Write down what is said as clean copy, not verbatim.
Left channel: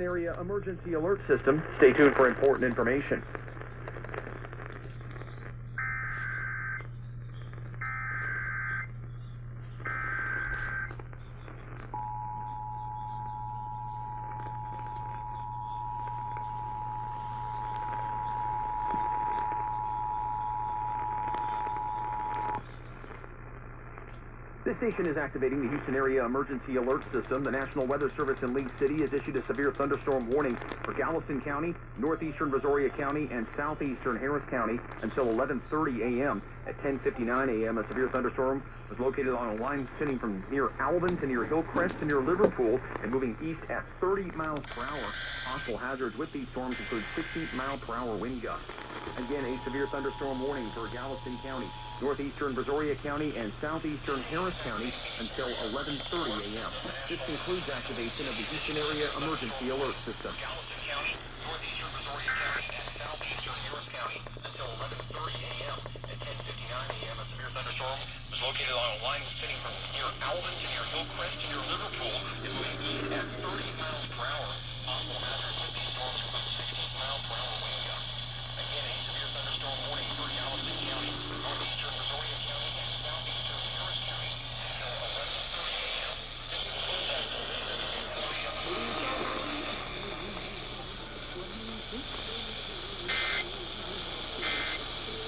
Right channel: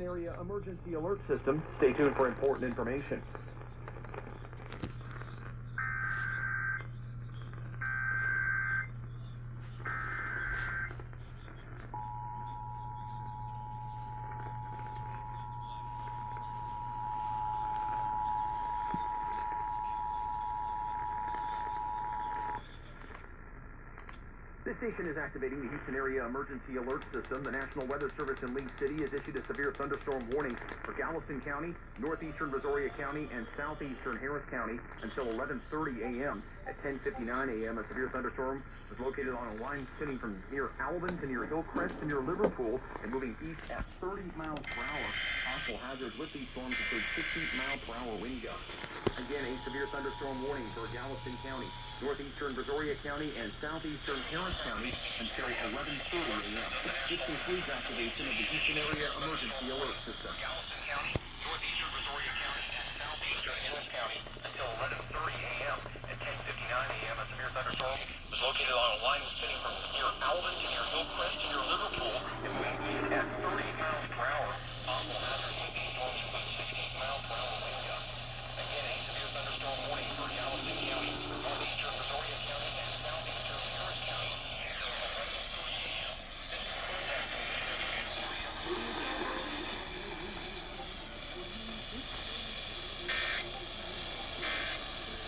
Area emergency alert system. Stay tuned for important information. This station is activating the Houston Area Emergency Alert System. The National Weather Service in Lee City has issued a severe thunderstorm warning for Galveston County, northeastern Brazoria County, and southeastern Harris County until 11:30 a.m. At 10:59 a.m., a severe thunderstorm was located on a line extending from near Alvin to near Hillcrest to near Liverpool and moving east at 30 miles per hour. Possible hazards with these storms include 60-mile-per-hour wind gusts. Again, a severe thunderstorm warning for Galveston County, northeastern Brazoria County, and southeastern Harris County until 11:30 a.m. This concludes activation of the Houston Area Emergency Alert System. Galveston County, northeastern Brazoria County, and southeastern Harris County until 11:30 a.m. At 10:59 a.m., a severe thunderstorm was located on a line extending from near Alvin to near Hillcrest to near Liverpool and moving east at 30 miles per hour.